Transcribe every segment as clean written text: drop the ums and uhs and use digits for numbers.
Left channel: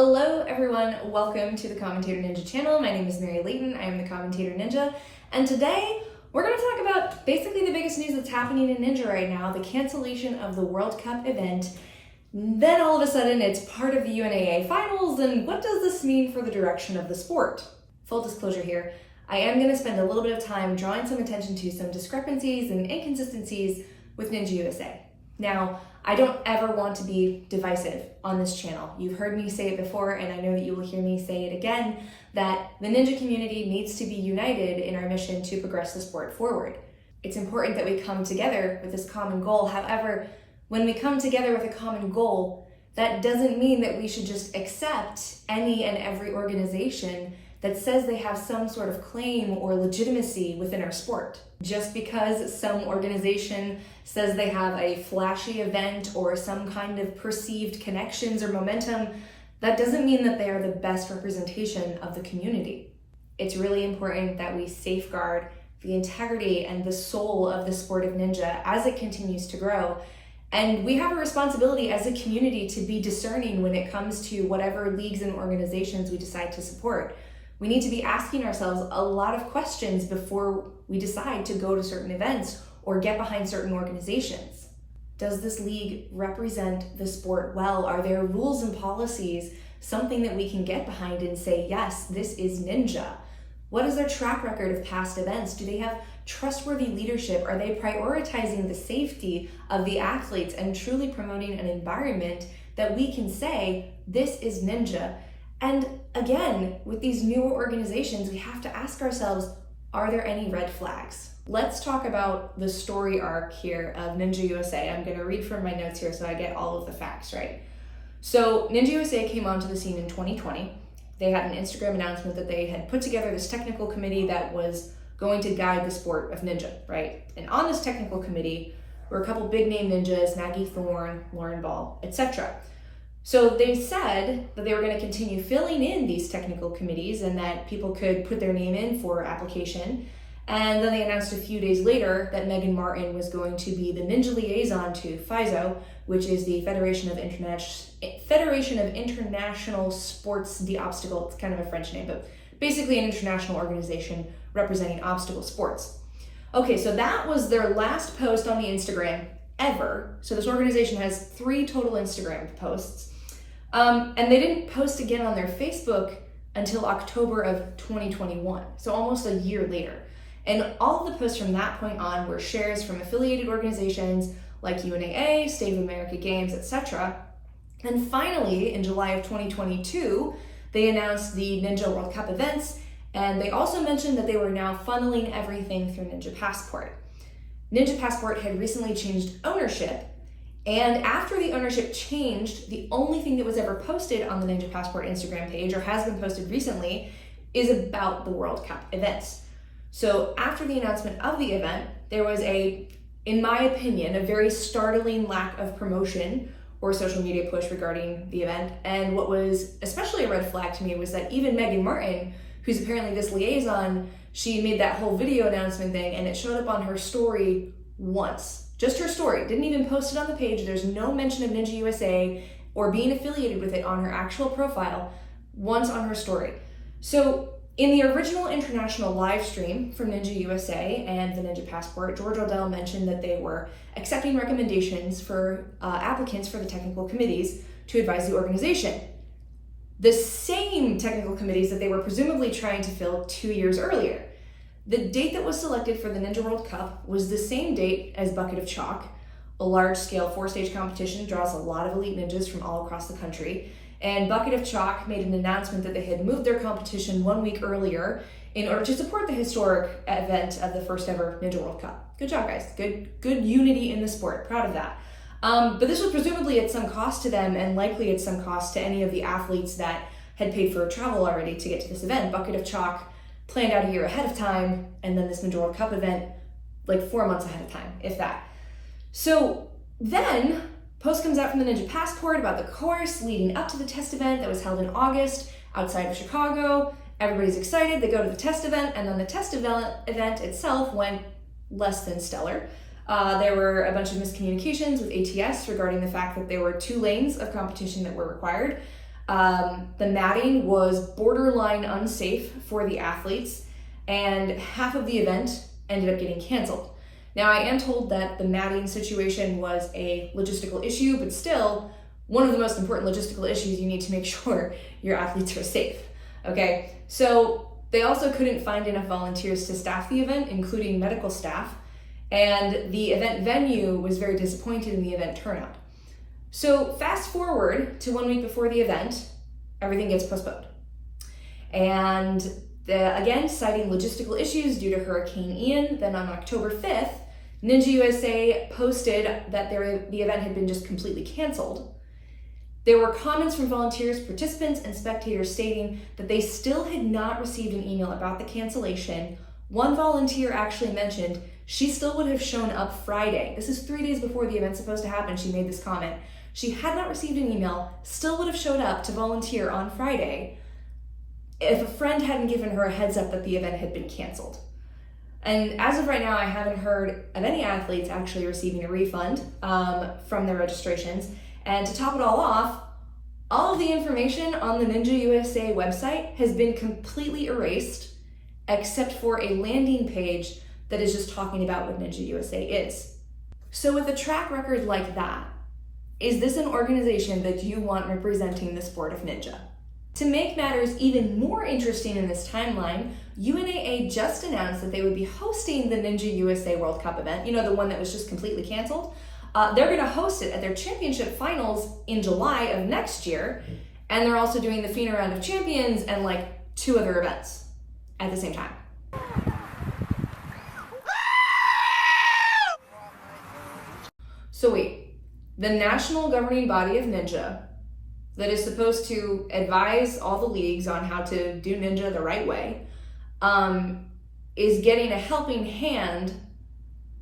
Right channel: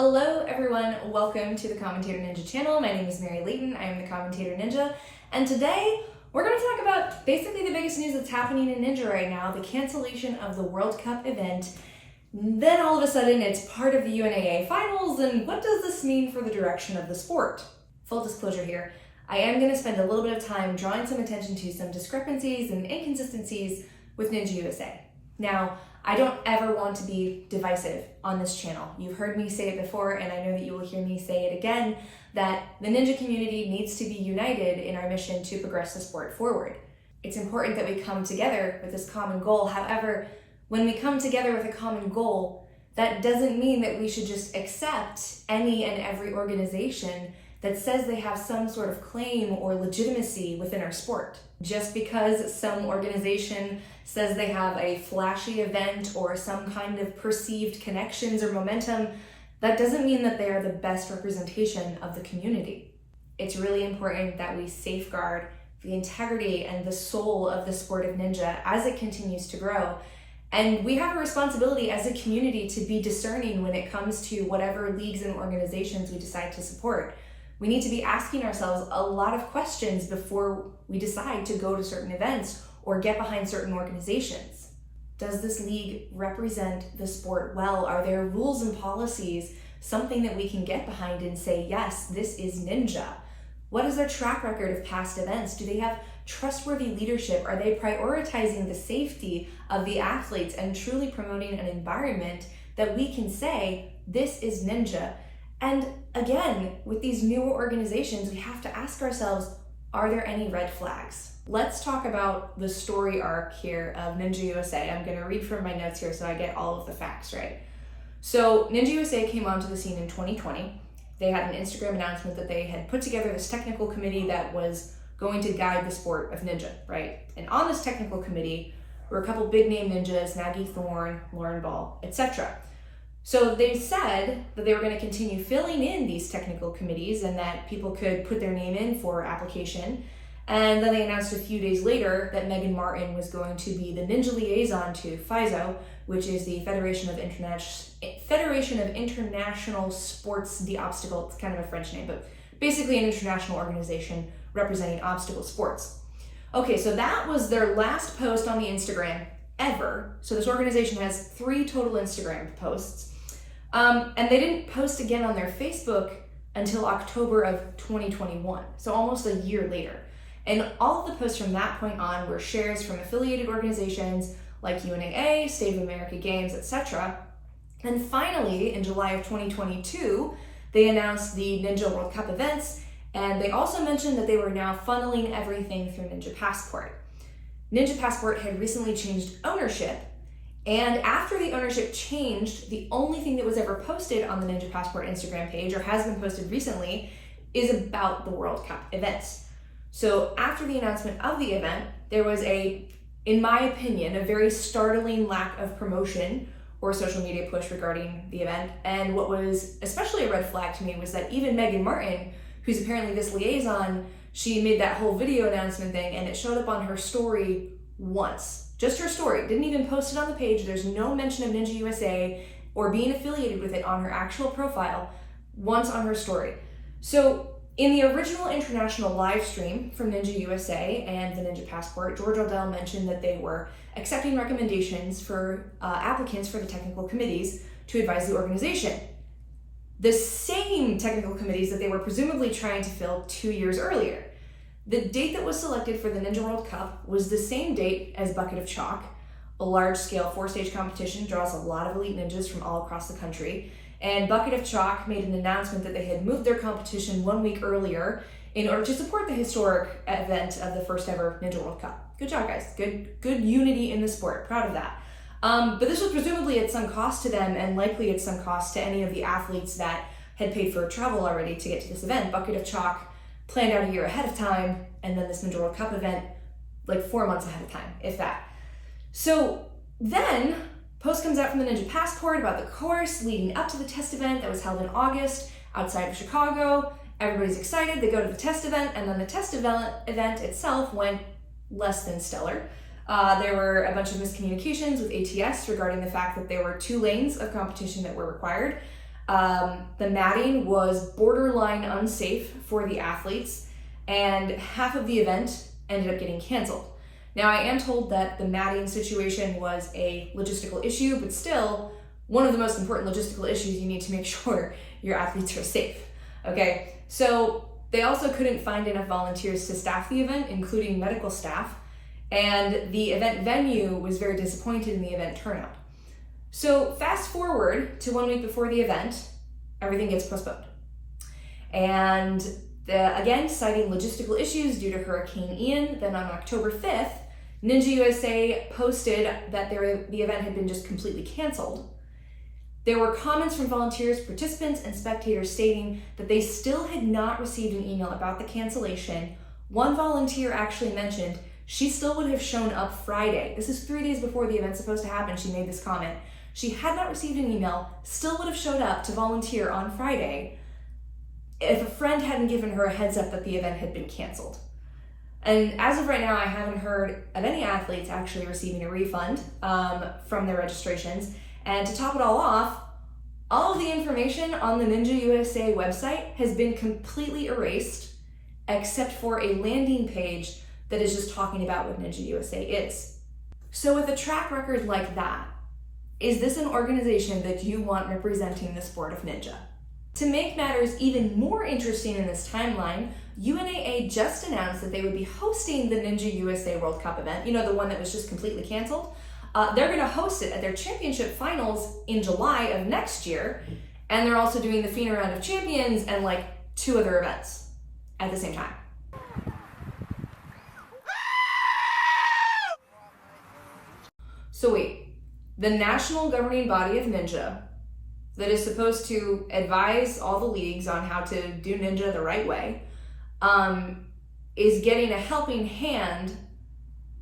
Hello everyone, welcome to the Commentator Ninja channel. My name is Mary Layton, I am the Commentator Ninja, and today we're going to talk about basically the biggest news that's happening in Ninja right now, the cancellation of the World Cup event. Then all of a sudden it's part of the UNAA finals, and what does this mean for the direction of the sport? Full disclosure here, I am going to spend a little bit of time drawing some attention to some discrepancies and inconsistencies with Ninja USA. Now, I don't ever want to be divisive on this channel. You've heard me say it before, and I know that you will hear me say it again, that the Ninja community needs to be united in our mission to progress the sport forward. It's important that we come together with this common goal. However, when we come together with a common goal, that doesn't mean that we should just accept any and every organization that says they have some sort of claim or legitimacy within our sport. Just because some organization says they have a flashy event or some kind of perceived connections or momentum, that doesn't mean that they are the best representation of the community. It's really important that we safeguard the integrity and the soul of the sport of Ninja as it continues to grow. And we have a responsibility as a community to be discerning when it comes to whatever leagues and organizations we decide to support. We need to be asking ourselves a lot of questions before we decide to go to certain events or get behind certain organizations. Does this league represent the sport well? Are there rules and policies, something that we can get behind and say, yes, this is Ninja? What is their track record of past events? Do they have trustworthy leadership? Are they prioritizing the safety of the athletes and truly promoting an environment that we can say, this is Ninja? And again, with these newer organizations, we have to ask ourselves, are there any red flags? Let's talk about the story arc here of Ninja USA. I'm gonna read from my notes here so I get all of the facts right. So Ninja USA came onto the scene in 2020. They had an Instagram announcement that they had put together this technical committee that was going to guide the sport of Ninja, right? And on this technical committee were a couple big name ninjas, Maggie Thorne, Lauren Ball, etc. So they said that they were going to continue filling in these technical committees and that people could put their name in for application. And then they announced a few days later that Megan Martin was going to be the Ninja liaison to FISO, which is the Federation of International Sports d'Obstacle. It's kind of a French name, but basically an international organization representing obstacle sports. Okay, so that was their last post on the Instagram ever. So this organization has 3 total Instagram posts. And they didn't post again on their Facebook until October of 2021, so almost a year later. And all of the posts from that point on were shares from affiliated organizations like UNAA, State of America Games, etc. And finally, in July of 2022, they announced the Ninja World Cup events, and they also mentioned that they were now funneling everything through Ninja Passport. Ninja Passport had recently changed ownership, and after the ownership changed, the only thing that was ever posted on the Ninja Passport Instagram page, or has been posted recently, is about the World Cup events. So after the announcement of the event, there was in my opinion, a very startling lack of promotion or social media push regarding the event. And what was especially a red flag to me was that even Megan Martin, who's apparently this liaison, she made that whole video announcement thing and it showed up on her story once. Just her story, didn't even post it on the page. There's no mention of Ninja USA or being affiliated with it on her actual profile, once on her story. So in the original international live stream from Ninja USA and the Ninja Passport, George Odell mentioned that they were accepting recommendations for applicants for the technical committees to advise the organization. The same technical committees that they were presumably trying to fill 2 years earlier. The date that was selected for the Ninja World Cup was the same date as Bucket of Chalk. A large-scale 4-stage competition draws a lot of elite ninjas from all across the country. And Bucket of Chalk made an announcement that they had moved their competition 1 week earlier in order to support the historic event of the first ever Ninja World Cup. Good job, guys. Good unity in the sport. Proud of that. But this was presumably at some cost to them and likely at some cost to any of the athletes that had paid for travel already to get to this event. Bucket of Chalk planned out a year ahead of time, and then this Ninja World Cup event like 4 months ahead of time, if that. So then, post comes out from the Ninja Passport about the course leading up to the test event that was held in August outside of Chicago. Everybody's excited, they go to the test event, and then the test event itself went less than stellar. There were a bunch of miscommunications with ATS regarding the fact that there were 2 lanes of competition that were required. The matting was borderline unsafe for the athletes, and half of the event ended up getting canceled. Now, I am told that the matting situation was a logistical issue, but still, one of the most important logistical issues, you need to make sure your athletes are safe, okay? So they also couldn't find enough volunteers to staff the event, including medical staff, and the event venue was very disappointed in the event turnout. So fast forward to 1 week before the event, everything gets postponed. And again, citing logistical issues due to Hurricane Ian, then on October 5th, Ninja USA posted that the event had been just completely canceled. There were comments from volunteers, participants, and spectators stating that they still had not received an email about the cancellation. One volunteer actually mentioned she still would have shown up Friday. This is 3 days before the event's supposed to happen. She made this comment. She had not received an email, still would have showed up to volunteer on Friday if a friend hadn't given her a heads up that the event had been canceled. And as of right now, I haven't heard of any athletes actually receiving a refund from their registrations. And to top it all off, all of the information on the Ninja USA website has been completely erased, except for a landing page that is just talking about what Ninja USA is. So with a track record like that, is this an organization that you want representing the sport of ninja? To make matters even more interesting in this timeline, UNAA just announced that they would be hosting the Ninja USA World Cup event, you know, the one that was just completely canceled. They're going to host it at their championship finals in July of next year, and they're also doing the FINA Round of Champions and like 2 other events at the same time. So wait, the national governing body of Ninja that is supposed to advise all the leagues on how to do Ninja the right way, is getting a helping hand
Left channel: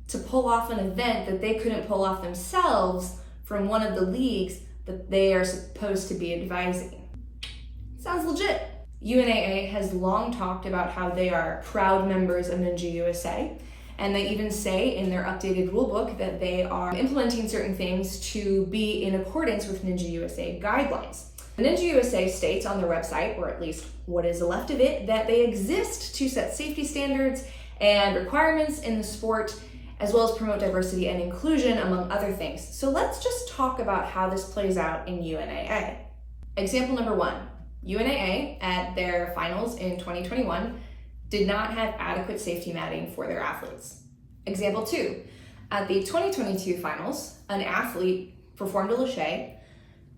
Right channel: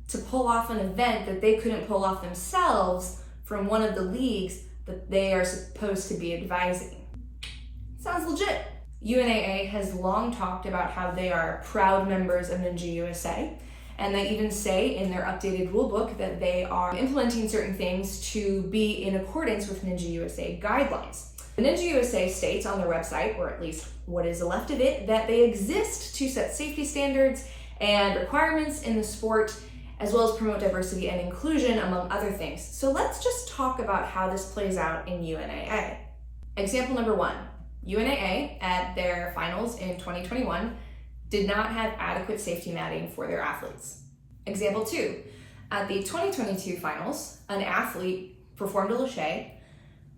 to pull off an event that they couldn't pull off themselves from one of the leagues that they are supposed to be advising. Sounds legit. UNAA has long talked about how they are proud members of Ninja USA, and they even say in their updated rulebook that they are implementing certain things to be in accordance with Ninja USA guidelines. Ninja USA states on their website, or at least what is left of it, that they exist to set safety standards and requirements in the sport, as well as promote diversity and inclusion, among other things. So let's just talk about how this plays out in UNAA. Example number 1, UNAA at their finals in 2021 did not have adequate safety matting for their athletes. Example 2, at the 2022 finals, an athlete performed a lache,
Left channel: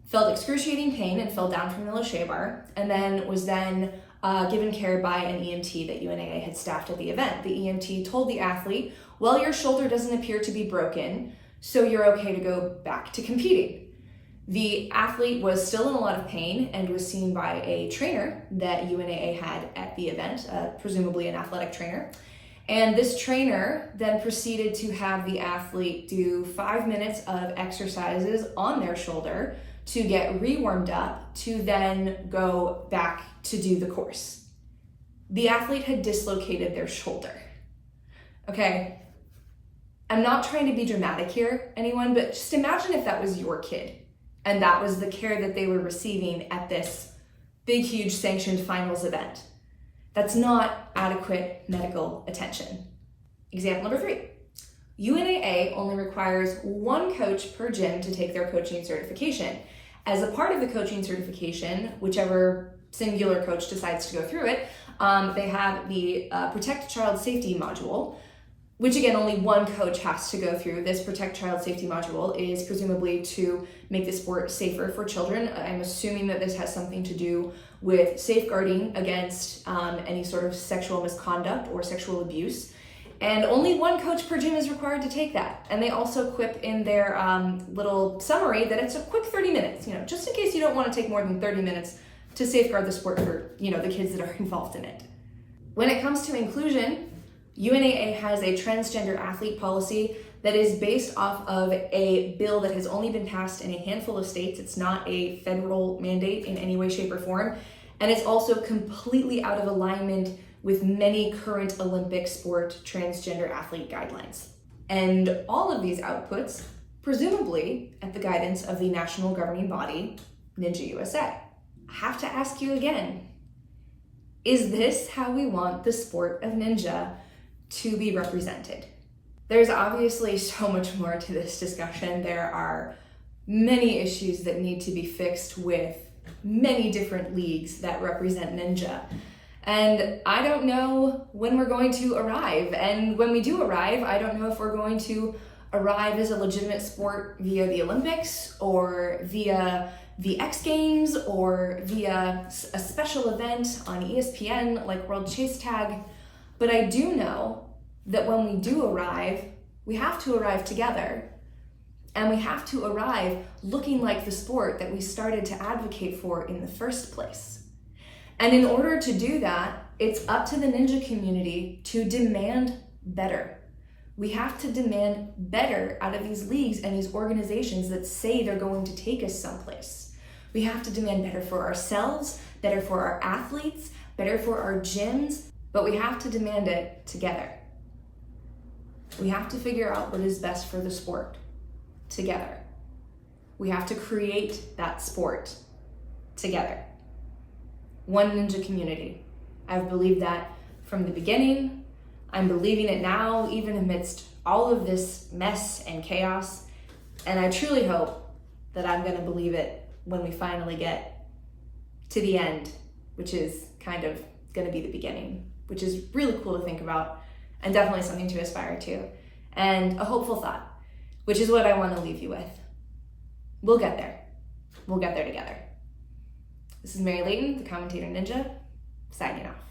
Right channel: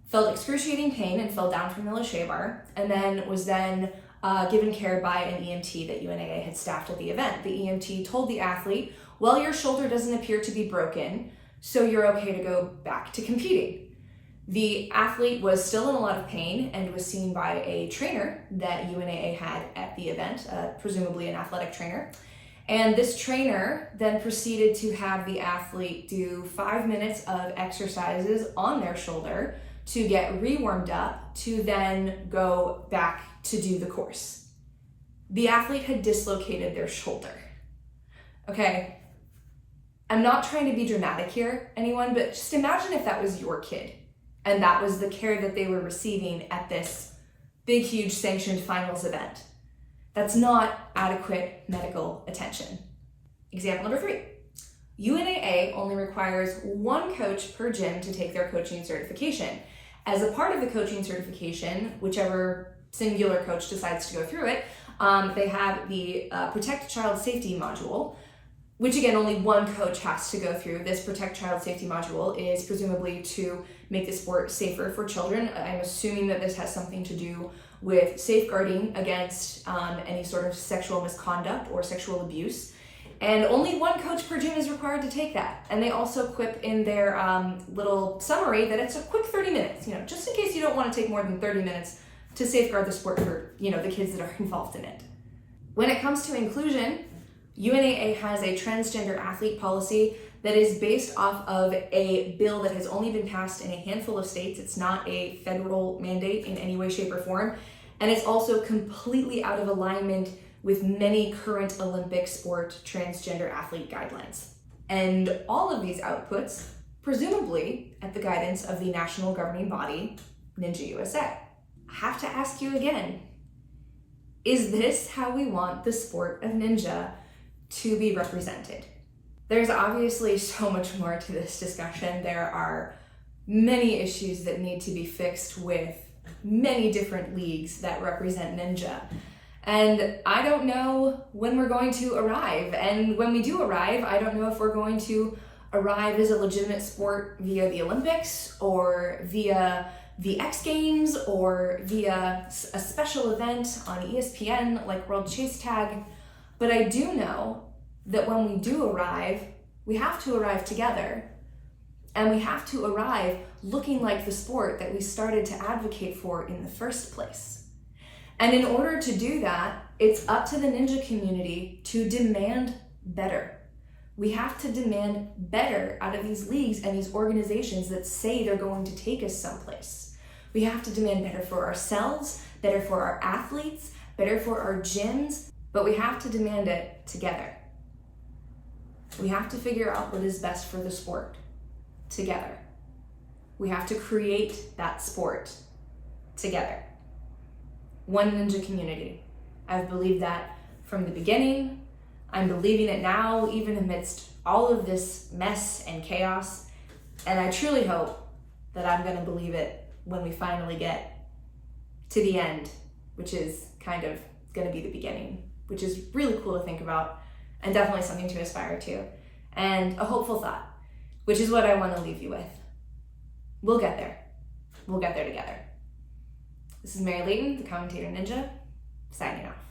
felt excruciating pain and fell down from the lache bar, and then was given care by an EMT that UNAA had staffed at the event. The EMT told the athlete, well, your shoulder doesn't appear to be broken, so you're okay to go back to competing. The athlete was still in a lot of pain and was seen by a trainer that UNAA had at the event, presumably an athletic trainer. And this trainer then proceeded to have the athlete do 5 minutes of exercises on their shoulder to get re-warmed up to then go back to do the course. The athlete had dislocated their shoulder. Okay, I'm not trying to be dramatic here, anyone, but just imagine if that was your kid and that was the care that they were receiving at this big, huge sanctioned finals event. That's not adequate medical attention. Example number 3. UNAA only requires 1 coach per gym to take their coaching certification. As a part of the coaching certification, whichever singular coach decides to go through it, they have the Protect Child Safety module, which again, only 1 coach has to go through. This Protect Child Safety module is presumably to make the sport safer for children. I'm assuming that this has something to do with safeguarding against any sort of sexual misconduct or sexual abuse. And only 1 coach per gym is required to take that. And they also quip in their little summary that it's a quick 30 minutes, just in case you don't want to take more than 30 minutes to safeguard the sport for, the kids that are involved in it. When it comes to inclusion, UNAA has a transgender athlete policy that is based off of a bill that has only been passed in a handful of states. It's not a federal mandate in any way, shape, or form. And it's also completely out of alignment with many current Olympic sport transgender athlete guidelines. And all of these outputs, presumably at the guidance of the national governing body, Ninja USA. I have to ask you again, is this how we want the sport of ninja to be represented? There's obviously so much more to this discussion. There are many issues that need to be fixed with many different leagues that represent ninja. And I don't know when we're going to arrive. And when we do arrive, I don't know if we're going to arrive as a legitimate sport via the Olympics or via the X Games or via a special event on ESPN like World Chase Tag. But I do know that when we do arrive, we have to arrive together. And we have to arrive looking like the sport that we started to advocate for in the first place. And in order to do that, it's up to the ninja community to demand better. We have to demand better out of these leagues and these organizations that say they're going to take us someplace. We have to demand better for ourselves, better for our athletes, better for our gyms, but we have to demand it together. We have to figure out what is best for the sport together. We have to create that sport together. One ninja community. I've believed that from the beginning. I'm believing it now, even amidst all of this mess and chaos. And I truly hope that I'm gonna believe it when we finally get to the end, which is kind of gonna be the beginning, which is really cool to think about and definitely something to aspire to. And a hopeful thought, which is what I wanna leave you with. We'll get there. We'll get there together. This is Mary Layton, the Commentator Ninja, signing off.